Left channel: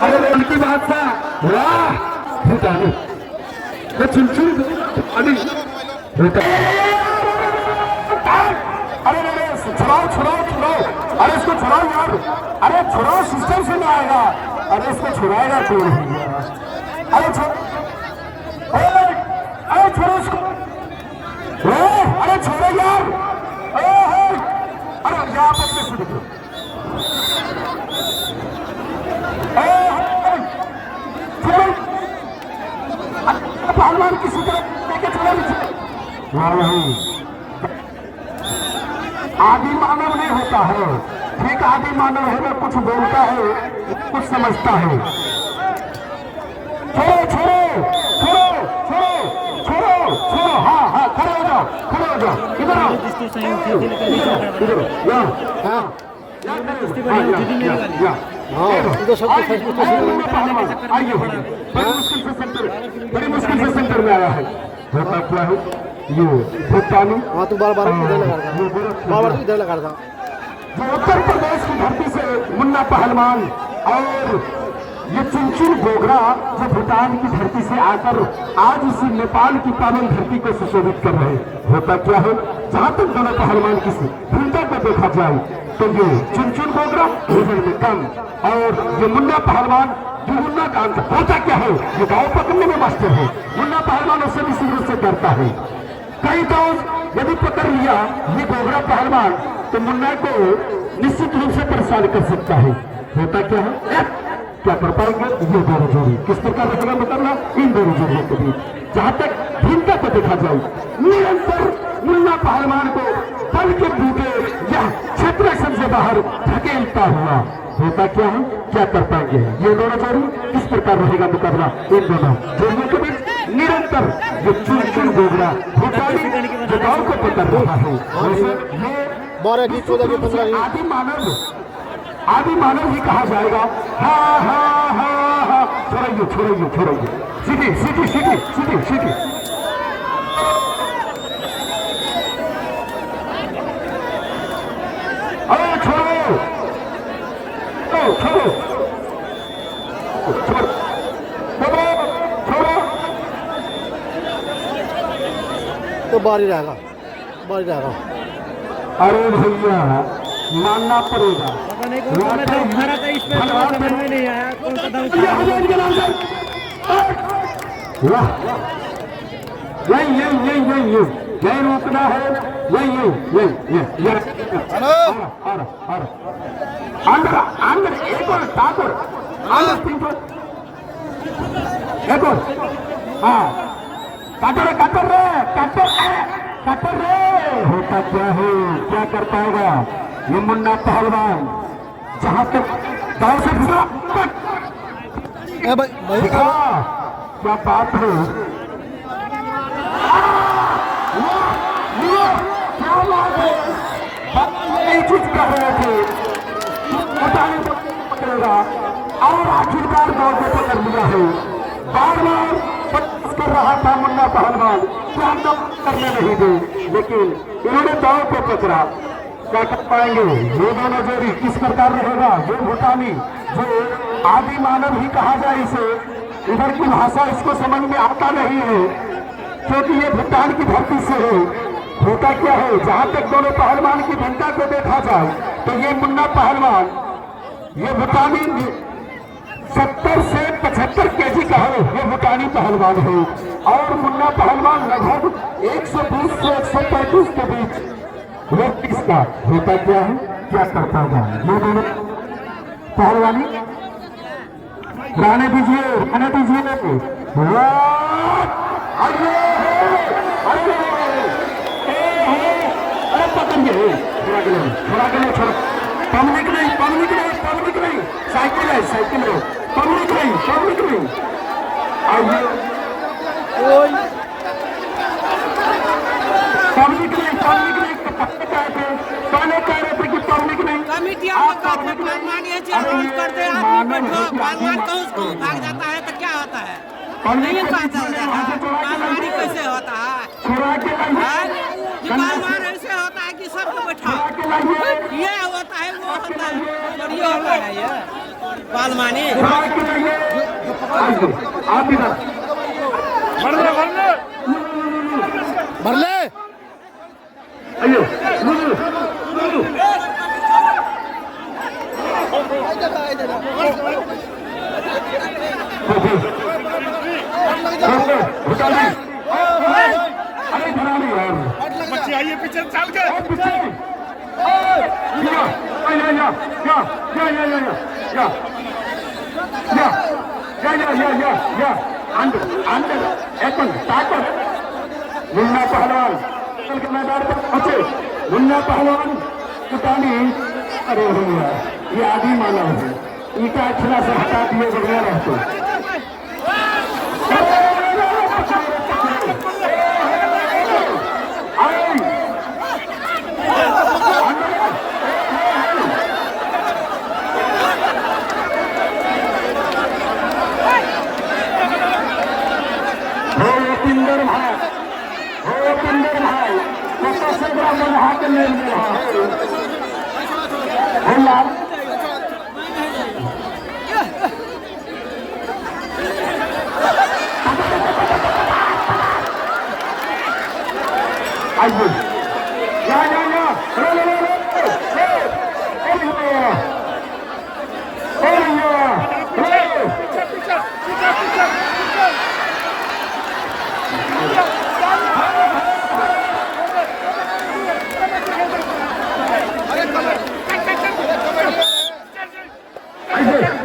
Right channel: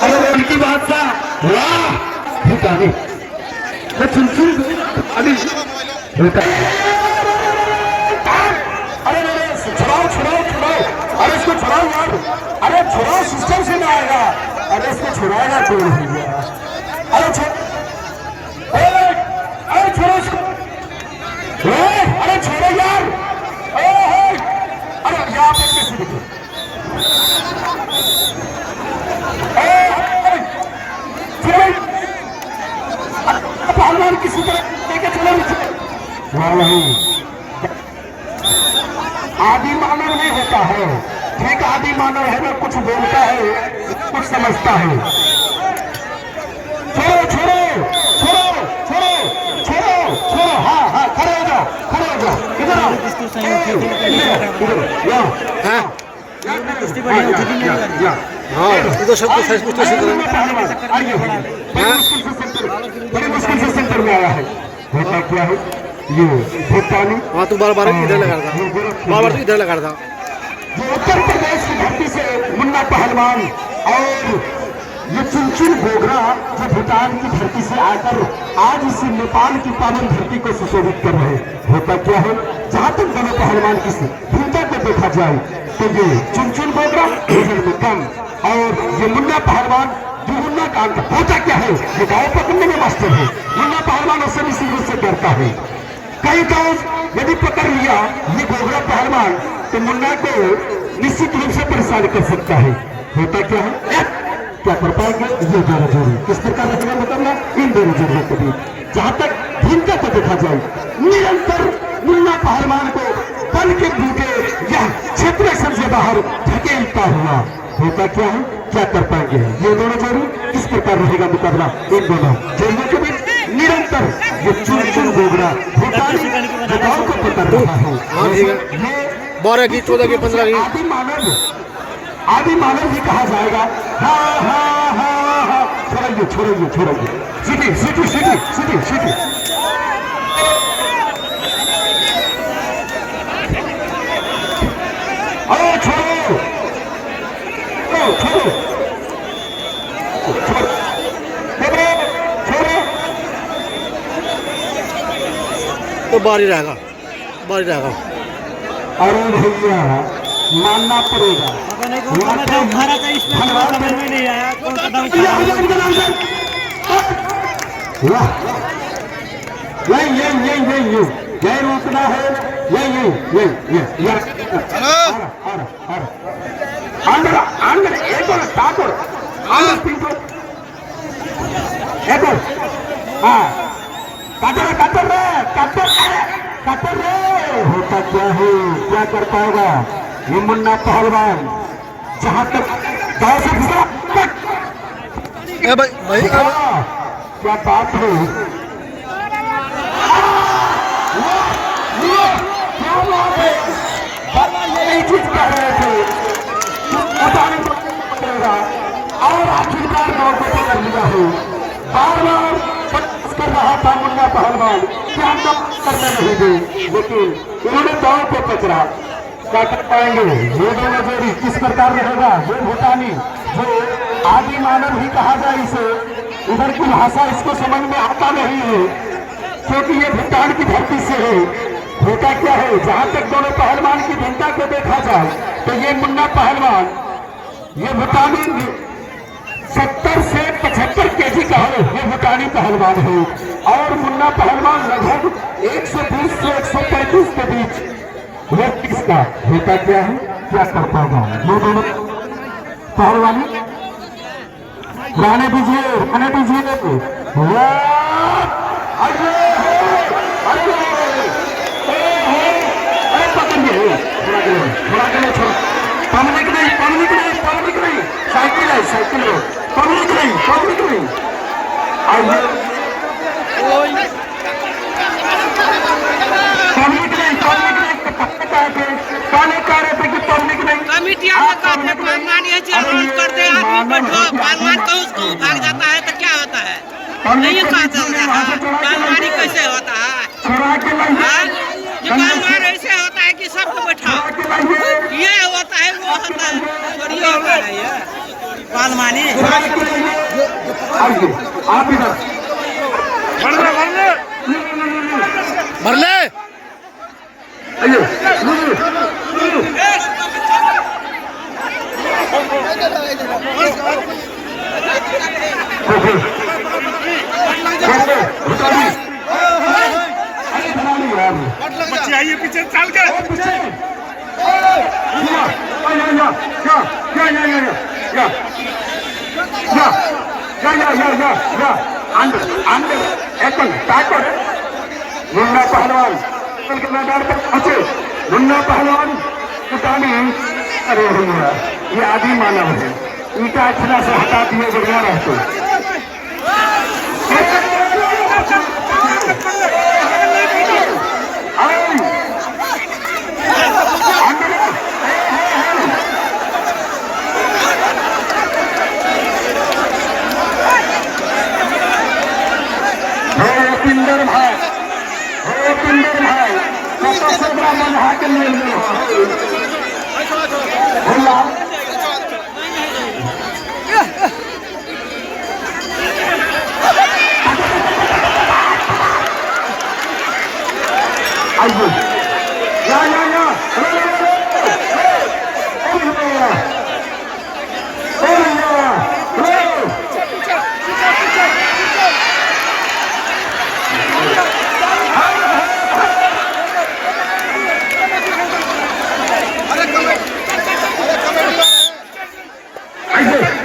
अरे उनकी बात था वाह भूटानी अभी अरे छुड़ाओ छुड़ाओ छुड़ाओ, अरे इसको छुड़ाओ यार, अरे छुड़ाओ, सिस्टम से नहीं आएगा, अरे इसको छुड़ाएगा कौन भैया, अरे अरे छोड़ो इसको, अरे छोड़ो यार, अरे यहाँ पर कैसे देखो, पहलवान किसी तरह लेके चलो, नहीं आदि मानव नहीं होता है, ठीक आदि मानव है ना, कुछ बोलता है कुछ समझता है। छोड़ो छोड़ो छोड़ो छोड़ो छोड़ो छोड़ो, हाँ हाँ खड़े हो जाओ, खड़े हो जाओ, इधर आओ, इधर हाँ इधर सब कुछ बड़ी मुश्किल से सेंटर में आया है। होता क्या है ये भूटानी, हाँ तू बार बार इधर लगा था, बार बार इधर लगा था। जो उत्तर प्रदेश की धरती से मुन्ना पहलवान और ये चुनचुन गोगरा जो भूटान की धरती से आकर आज इस नेपाल की पावन धरती को सुशोभित कर रहे। होता क्या है, जहाँ तक दोनों पहलवान की भूमिका को देखा जाए तो ये चुनचुन गोगरा में कम और ये मुन्ना पहलवान दुगुना काम का। होता क्या है, ये गाँव पकड़ने में मास्टर है, मुन्ना पहलवान उससे भी सीधे से डरता है। कई गाँव यदि पकड़ लिया ये गोगरा पहलवान तो मुन्ना को निश्चित रूप से परेशान कर सकता है। होता क्या है, क्या कर पाएंगे, ये दोनों जोड़ी किस प्रकार रहेगा मुकाबला इन दोनों जोड़ियों के बीच। जहां तक भूमिका को देखा जाए, निरंतर मुन्ना पहलवान को बल के बूटे या क्षेत्र से बाहर धकेलता हुआ। होता क्या है, क्या कर पाएंगे ये दोनों जोड़ी, किस प्रकार रहेगा मुकाबला इन दोनों जोड़ियों के बीच। निरंतर ये चुन गोगरा भूटानी जगहों को पकड़ रहा है। 12 की 14 की 15 की आदि मानव भी कहा जाएगा। हाँ हाँ हाँ हाँ, छोड़िए छोड़िए छोड़िए, सीधी सीधी सीधी सीधी सीधी, अरे छोड़ो छोड़ो छोड़ो छोड़ो, तो बारी रहेगा, बारी रहेगा। अरे भैया मानना पड़ेगा, यही रोकना है, यही अंदर अंदर एक और ठाकुर एक और, हाँ कटर कटर रे कटर कटर रे। होता क्या है, क्या कर पाएगा ये मुन्ना पहलवान, जहां तक गाँव से भाई क्या बात है, यही चीज कह रहे थे पकड़ेगा और आखिरकार दौड़ को पकड़ लिया है। बार बार कर रहा था मुन्ना पहलवान कि हम तो करने नहीं दे, लेकिन इन्होंने दौड़ को पकड़ा। क्या कर पाएंगे ये दोनों जोड़ी, किस प्रकार रहेगा ये भूटानी जो आदि मानव ही कहा जाए इसे, इधर की भाषा इसको समझ में आता नहीं है क्योंकि ये भूटान की धरती से है। होता क्या है, जहां तक दोनों पहलवान की भूमिका को देखा जाए तो ये मुन्ना पहलवान ये भूटानी 70 से 75 केजी का है, ये भूटानी पहलवान है और मुन्ना पहलवान लगभग 120 से 135 के बीच वो किसका। होता क्या है, क्या कर पाएगा ये दोनों पहलवानी, गाने दीजिए गाने दीजिए, अरे पकड़िए थोड़ा के लिए छोड़ो, पब्लिक नहीं पब्लिक नहीं पब्लिक नहीं, साइकिल है साइकिल है, पब्लिक नहीं पब्लिक नहीं। आइए पब्लिक नहीं पब्लिक नहीं, पहले कह रहे थे कि पब्लिक नहीं। कमिटिया मानिए रोज करते आदमी पहलवान को उसको भाग जाता है तो क्या होता है, नहीं कहा चलता है, कैसे होता है। मानी सबको बैठा ये होता है वो होता है बढ़िया होता है ये पाल मानी भर ले अयो बच्चे आइए पीछे चल के मुन्ना पहलवान मुन्ना पहलवान किसानी अरे भैया ये आदि मानव है इनका अक्षरा से हटा दिए बढ़िया रहते पिंदर भाई हो पिंदर भाई सत्रह मन हाथ ले भैया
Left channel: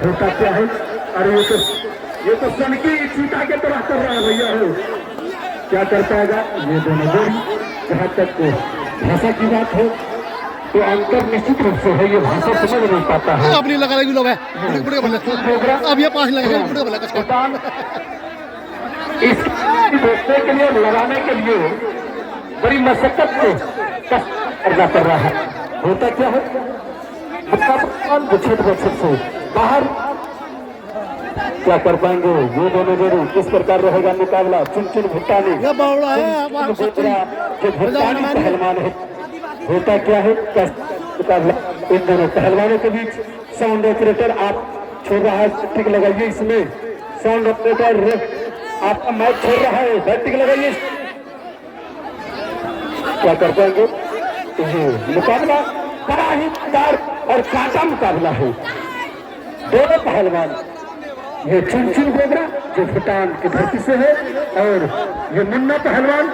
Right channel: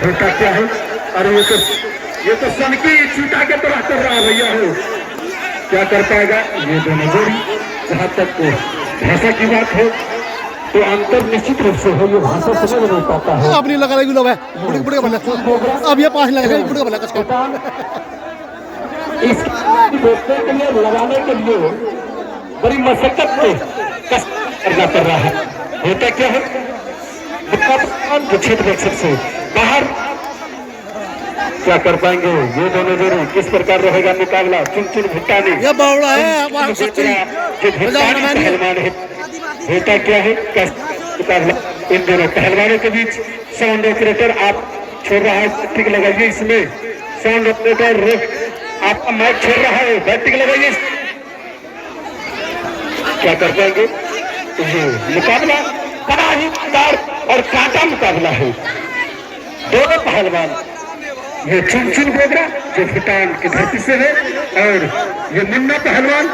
होता क्या है? अरे ये तो सन की छूटा के तरह कर रहा है भैया हो क्या कर पाएगा ये दोनों जोड़ी जहाँ तक भाषा की बात है तो अंतर निश्चित रूप से है ये भाषा समझ नहीं पाता है अब नहीं लगा रही लोग है बुढ़े भले अब ये 5 लग रहे बुढ़े भले कुछ इस रोकने के लिए लगाने के लिए बड़ी मशक्कत को कष्ट करना पड़ रहा है होता क्या है जो क्षेत्र रक्षक से बाहर क्या कर पाएंगे ये दोनों जोड़ी किस प्रकार रहेगा मुकाबला चुन चुन भुट्टानी ये बावड़ा है जो भुट्टानी पहलवान है होता क्या है मुकाबला इन दोनों पहलवानों के बीच साउंड ऑपरेटर आप छोड़ रहा है टिक लगाइए इसमें साउंड ऑपरेटर आपका माइक छोड़ रहा है बैटिंग लगाइए क्या कर पाएंगे तो ये मुकाबला बड़ा ही तार और कांटा मुकाबला है दोनों पहलवान ये चुन चुन गोगरा जो भूटान की धरती से है और ये मुन्ना पहलवान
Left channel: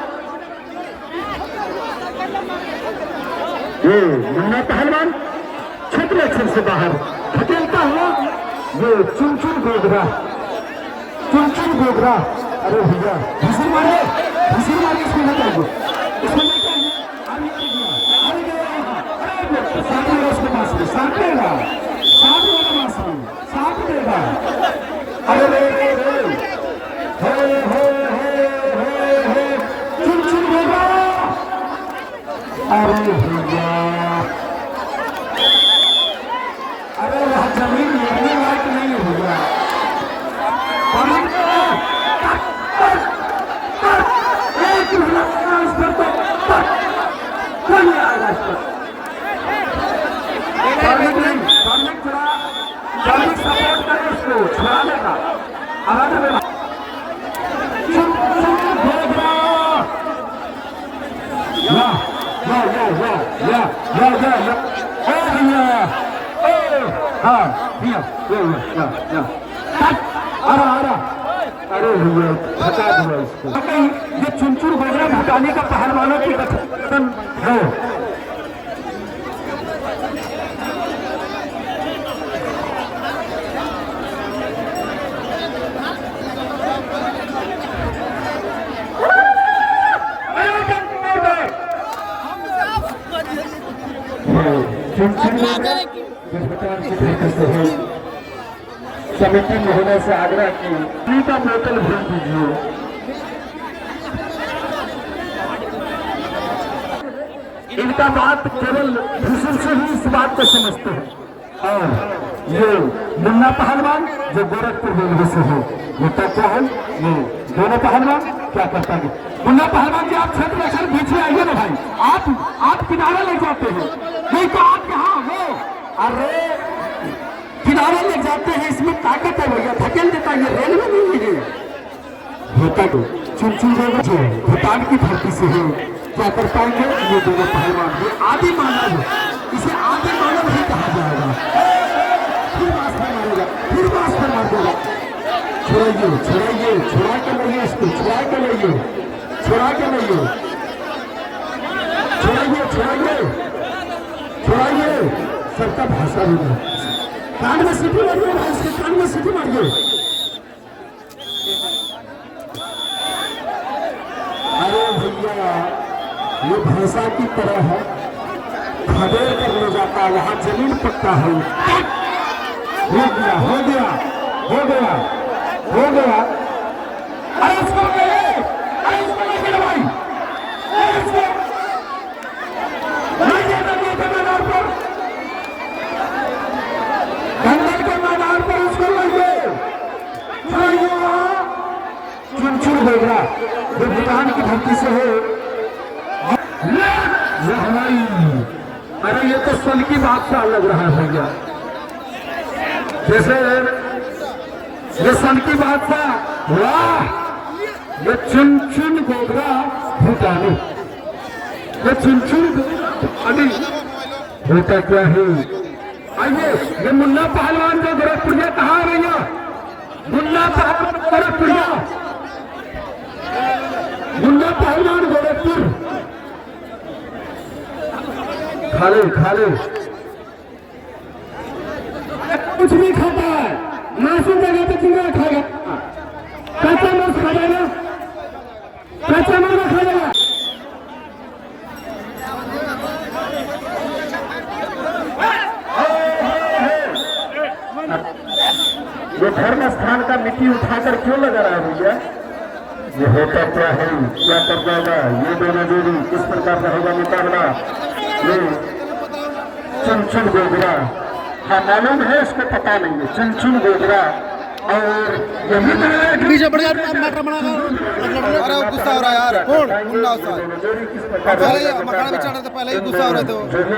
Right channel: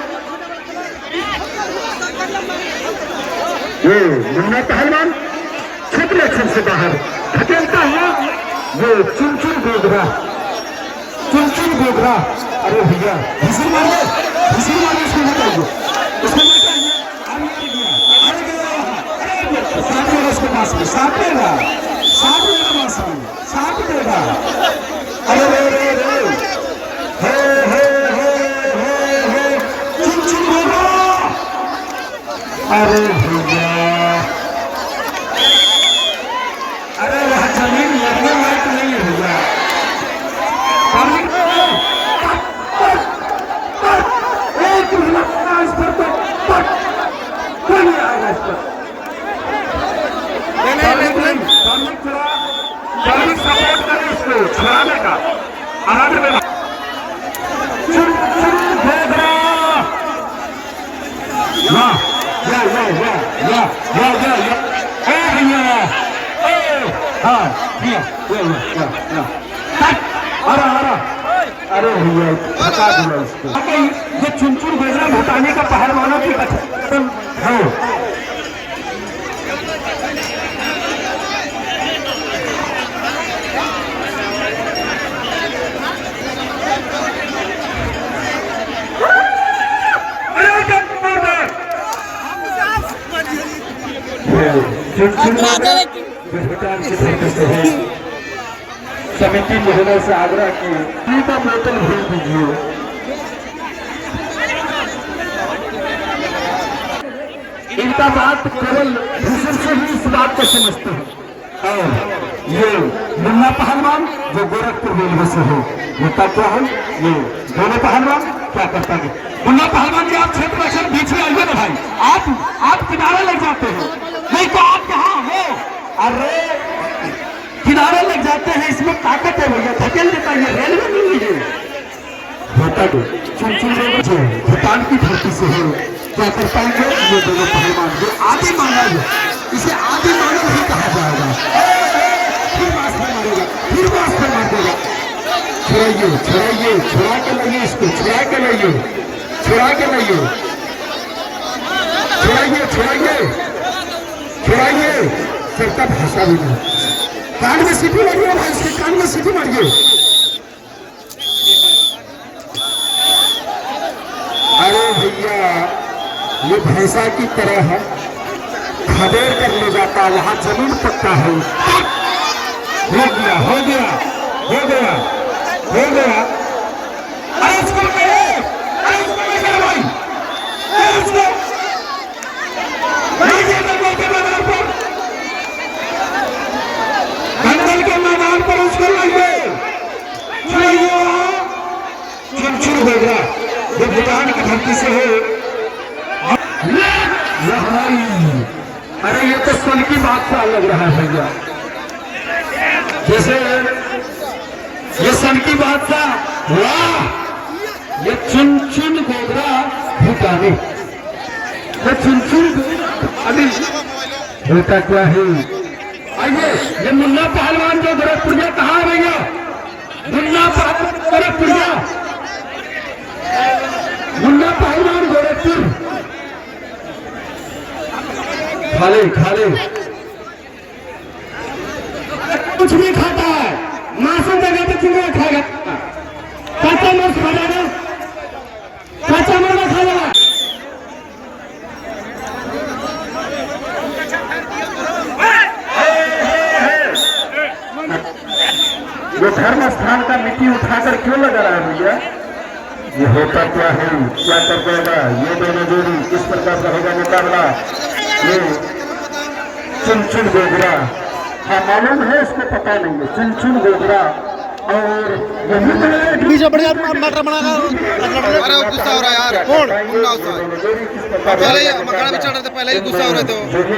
ये मुन्ना पहलवान क्षेत्र रक्षण से बाहर धकेलता हुआ ये चुन चुन गोगरा अरे भैया घुसूर मारिए इसको निकालिए साथ में उसके पास में साथ देगा अरे चुन होगा अरे भैया अरे वह जमीन लगने लायक नहीं है भैया इस पर तो कोई नहीं आएगा इस पर कार्मिक सपोर्ट करें इसको छुड़ाने का आराध में अरे भैया ये चुनचुन गोगरा भूटानी का पहलवानों की गठन है समिति महोदय से आग्रह की पानी का बोतल भेज दीजिए इनका बात केवल भूषण से ही इस बात को समझते हैं और ये मुन्ना पहलवान जो गोरखपुर रेलवे से है होता क्या है ये दोनों पहलवान क्या करता है मुन्ना पहलवान जी आप क्षेत्र रक्षण बीच में आइए ना भाई आप किनारे लग जाते हैं, नहीं तो आप कहाँ हो? अरे किनारे लग जाते हैं, इसमें ताकत है भैया, धकेल देता है, रेलवे नहीं है होता तो चुन जो भूटान की धरती से है। क्या कर पाएंगे ये दोनों पहलवान? ये आदि मानव, इसे आदि मानव ही कहा जाएगा। फिर मास्टर मारेगा, फिर मास्टर मार देगा। छोड़ाइए छोड़ाइए, छुड़ा के लाइए इसको, छुड़ा के लाइए, छुड़ा के लाइए, छुड़ाइए छुड़ाइए छुड़ाइए। सबका भाषा भी नहीं, कान में सीटी मारिए भाई, इसके कान में सीटी मारिए। अरे भैया ये भैंसा की तरह है, खदेड़ कर ले जाता है, वहां जमीन पक्का है। हो गया हो गया हो गया हो गया। अरे उसको ले, अरे उसको ले भाई, अरे उसको दंगल के मैदान पर उसको लाइए, चुन बोगरा जो भूटान की धरती से है। अरे ये तो सन की बात सा लग रहा है भैया, जैसे ये सन की बात सा। वाह, ये चुन बोगरा भूटानी, ये चुन अभी होता क्या है? आइए, ये मुन्ना पहलवान जो गोरखपुरिया कहाँ है भैया? मुन्ना पहलवान गोरखपुरिया, मुन्ना पहलवान गोरखपुर। खाले खाले कुछ नहीं खाता है, मासूम जगह पे चूड़ा खाएगा, कच्चा मांस खा जाएगा, कच्चा मांस खा जाएगा। ये धर्म स्थान का मिट्टी उठाकर क्यों लगा रहा है भैया? ये होता क्या है, क्या कर जाएगा? ये दोनों जोड़ी किस प्रकार रहेगा मुकाबला? ये चुन बोगरा, हाँ मालूम है, उसको पता नहीं है। चुन बोगरा और पीछे बढ़ गया मटर बनाना। गुस्सा हो रहा है यार, मकान में चढ़ रहे थे, पहले ही गुस्सा हो रहे थे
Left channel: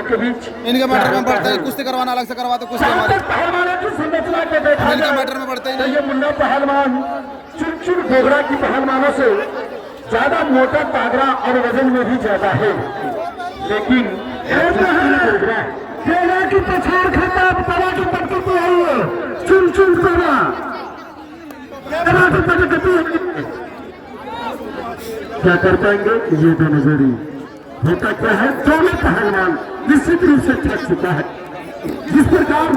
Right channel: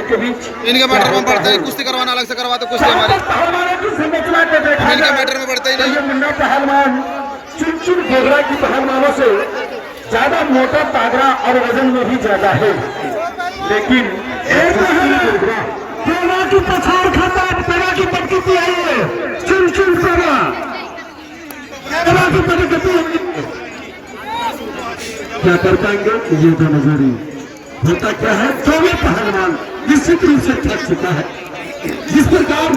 के बीच इनके मैटर में बढ़ते, कुश्ती करवाना अलग से करवाते, कुश्ती हमारे पहलवानों की संरचना को देखा इनके मैटर में बढ़ते ही तो नहीं। ये मुन्ना पहलवान चुन बोगरा की पहलवानों से ज्यादा मोटा, तागड़ा और वजन में भी ज्यादा है, लेकिन तेरा की पछाड़ खाता, तेरा की पटकी आई है। चुन बोगरा तेरा की पटकी क्या कर पाएंगे ये दोनों जोड़ी? होता क्या है, दोनों पहलवान निश्चित रूप से थक चुका है। जिस प्रकार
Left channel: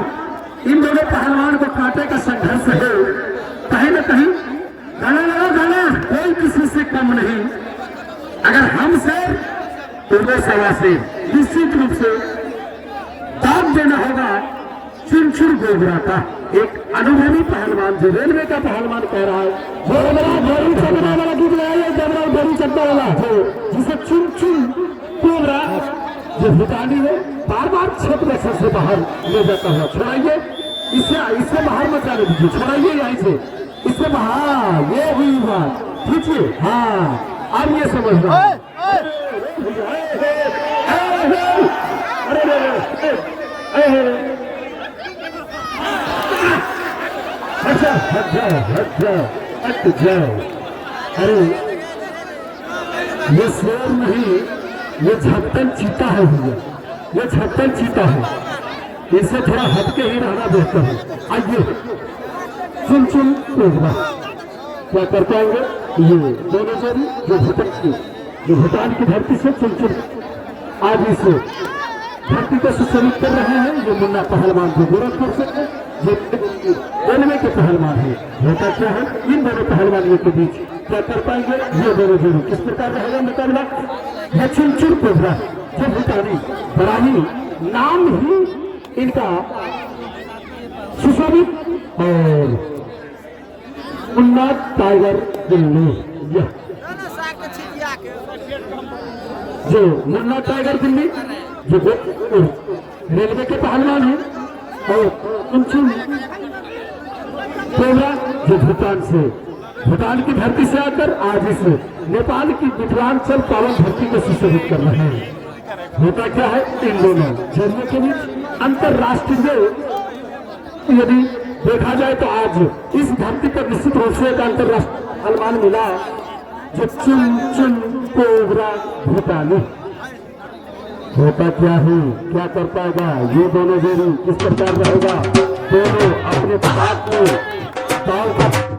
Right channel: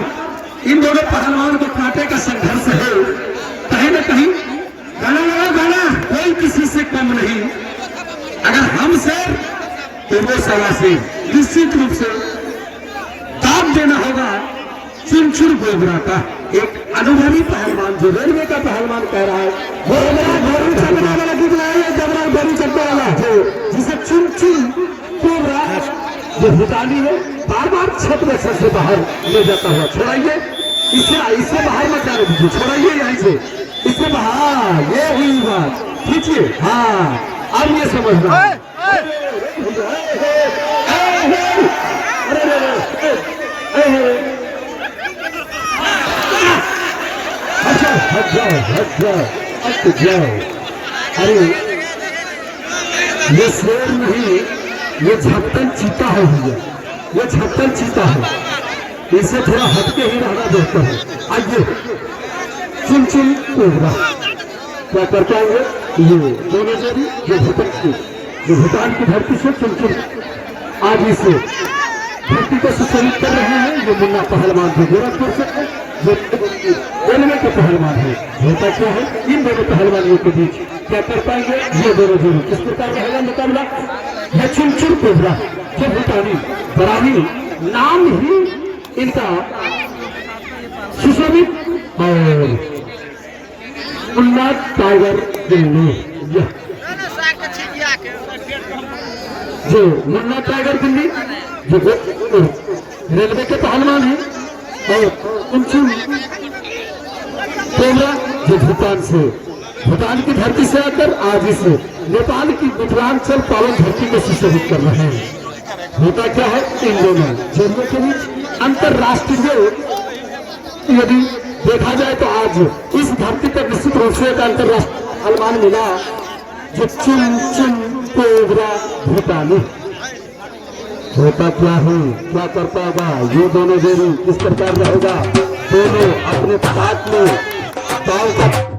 इन दोनों पहलवान को कांटे का संघर्ष है, कहीं न कहीं गाना कोई किसी से कम नहीं। अगर हम से तो वो सवा से निश्चित रूप से दाम देना होगा चुन बोगरा का। एक अनुभवी पहलवान जो रेलवे का पहलवान कह रहा है, वो गोरू चढ़ने वाला गोरू चढ़ने वाला है, जिसे चुन बोगरा जो भूटानी है बार बार क्षेत्र से बाहर ले जाता है। छोड़ाइए इससे बाहर मत जाने दीजिए, छोड़ाइए यहीं से, इससे बाहर। ये हुई बात, खींचिए। हाँ अब ये समझना, हट जाओ। अरे ये शेर नहीं, ये झपटन चीता है भैया, ये झपटन चीता है, इससे थोड़ा हटके ही रहना बेहतर है। आइए चुन बोगरा क्या कर पाएंगे ये दोनों जोड़ी जो भूटान की धरती से चुन आज इस धरती को सुशोभित कर रहे हैं। जो मुन्ना पहलवान जो गोरखपुर से है, जो रेलवे के पहलवान है। होता क्या है, इन दोनों पहलवानों के बीच क्या कर पाएंगे ये दोनों जोड़ी? किस प्रकार रहेगा मुकाबला? है चुन बोगरा जो भूटानी, बराही नाम ही इनका सुशोभित और मुन्ना टाइगर दिल्ली, जो मुन्ना टाइगर दिल्ली जो रेलवे के पहलवान है, और चुन बोगरा जो भूटान की धरती से आकर आज इस नेपाल की मिथिलांचल पावन धरती को सुशोभित कर रहे हैं। होता क्या है इन दोनों जोड़ियों के बीच अंतरराष्ट्रीय यदि देखा जाए तो आज इस धरती पर निश्चित रूप से एक अंतरराष्ट्रीय पहलवान मिला जो चुन चुन कोबरा भूटानी। होता क्या है क्या कर पाएगा ये दोनों जोड़ी किस प्रकार रहेगा दोनों अपने साथ में दाव का